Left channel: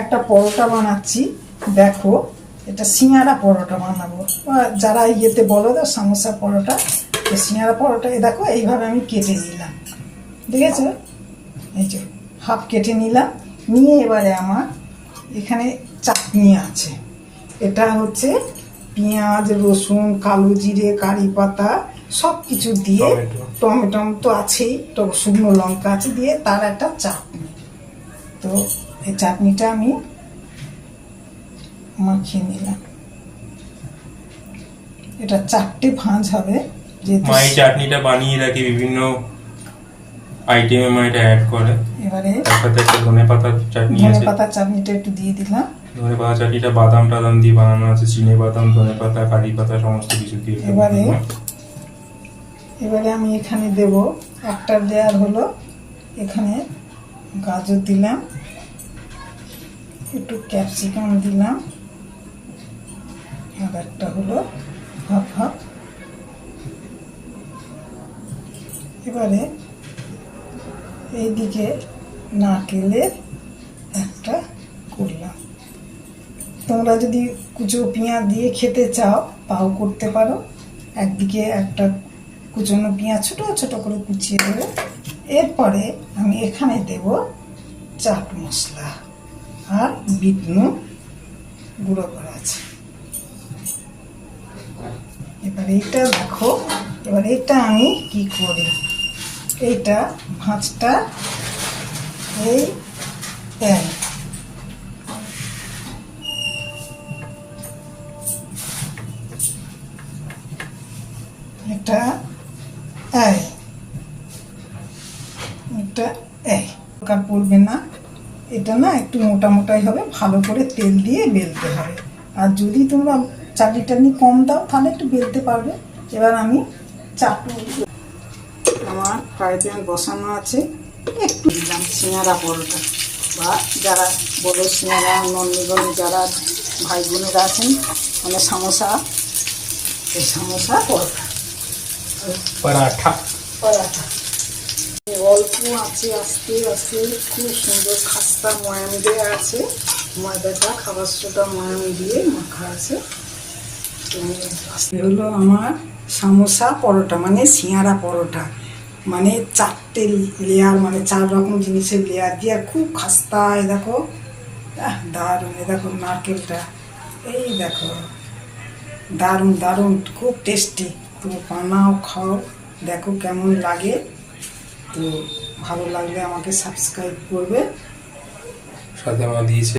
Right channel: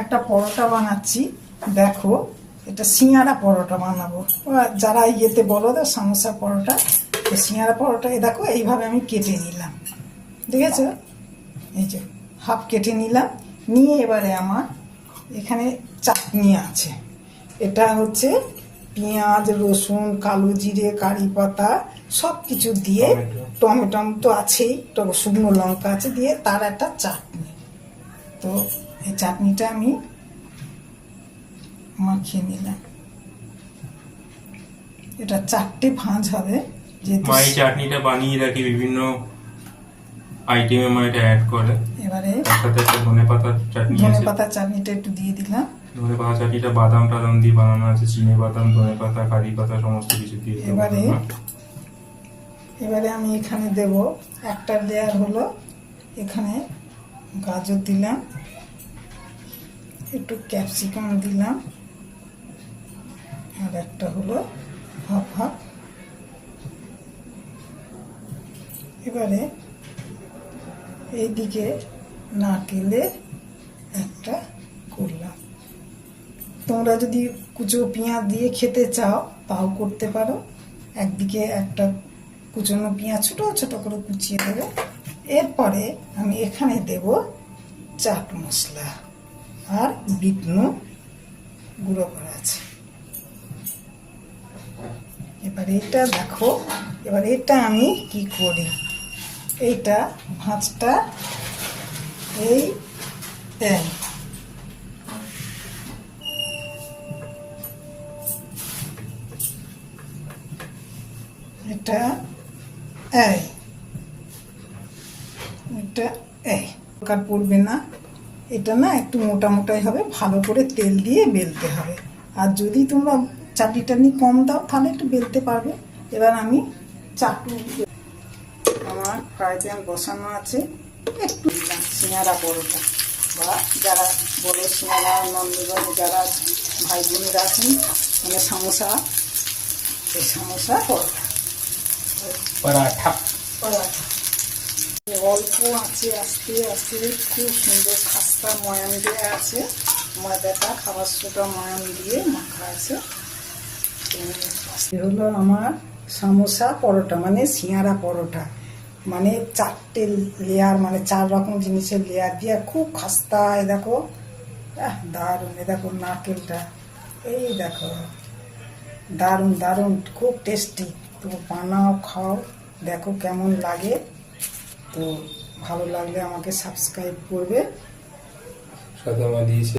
একটা পরোটা বানাচ্ছি, দেখো এটা সিঙ্গারা পরোটা বানাবো। যারা ইয়েতে বলো তো সমোসা পরোটা, তো সিঙ্গারা পরোটা দেখো এইভাবে আমি কেটে নিলাম, ঠিক আছে? এই যে হাফ কেটে নিলাম, নিয়ে এবারে আমার এখানে চাটনি আছে। এটা হচ্ছে পেঁয়াজ, রসুন, কালো জিরে, কারি পাতা সব কিছু দিয়ে, টমেটো তো আছেই, তো শুকনো লঙ্কা আছে দিয়ে তার একটা চাটনি। তো এই চাটনিটা আমি মাখিয়ে নিলাম। এটা 4টে ভাঁজ হবে। মা এই চাটনিটা বানিয়ে রাখি, বিভিন্ন আইটেমে মা এটা অ্যাড করে। এবারে তার সাথে একটা ধনে পাতার চাটনি আছে। ধনে পাতার চাটনিটা একটু দিয়ে দিলাম। ধনে পাতা চাটনিটা বাদাম টাদাম দিয়ে বানানো আছে, চিনে বাদাম, ধনে পাতা, কারি পাতা সমস্ত কিছু দিয়ে এবারে আমি এখানে দেব একটা লেয়ার হলো, এখানে গাজর দিলাম, একটু ক্যাপসিকাম দিলাম, আর একটা হলো হাফ হাফ। এবারে এইদিকে নারকেলের একটা করলাম। তোমরা যদি কুচো পেঁয়াজ দিয়ে খেতে চাও তাও করতে পারো। একদিকে একটা কুচনো পেঁয়াজ ছোটো ছোটো করে কুচিয়ে দেবো। এরপরে আমি এখানে দেব চাট মশলা আর বিট নুন গুঁড়ো করা আছে। এবার এইটা দেখো, এবার এটা আমি কি করি, এইটা ভাঁজটা এই এটা এটা দরকার পড়বে না, এটা না একটু মোটা মোটাই হবে, ভালো করে তেল দিয়ে বেলতে হবে। আর যদি তোমরা চাটনি টাটনি কম দাও তাহলে একটু বেলতে পারবে। এবার আমি চাটনি, আমার ফ্রাই প্যান বসানো আছে, একটু দিলাম সিঙ্গারা পরোটা, বা যারা বড়ো সিঙ্গারা নন্দীগঞ্জ যারা ভাই বোনেরা আছেন, মানে সমোসা, এই সমোসা পরোটা পরাঠা পরাঠা অল্প আছে, আস্তে আস্তে খুব সুন্দর খাস্তা ময়াম দেওয়া আছে, ময়দাটা খাবার সোডা ময়াম দিয়ে মাখা আছে। হলো আমার সমোসা পরোটা, মানে সিঙ্গারা পরোটা, মানে 4টে লেয়ার, মানে 4 রকম জিনিসের লেয়ার দিয়ে খুব খাস্তা। এই দেখো দারুণ, এই দেখো নারকেলটা, এই দেখো দারুণ দারুণ, খুব টেস্টি। তো বানাও, খাও, দেখো কেমন লাগে। তো ভালো লাগলে আমাকে সাবস্ক্রাইব করবে। সাথে মা দিয়েছে।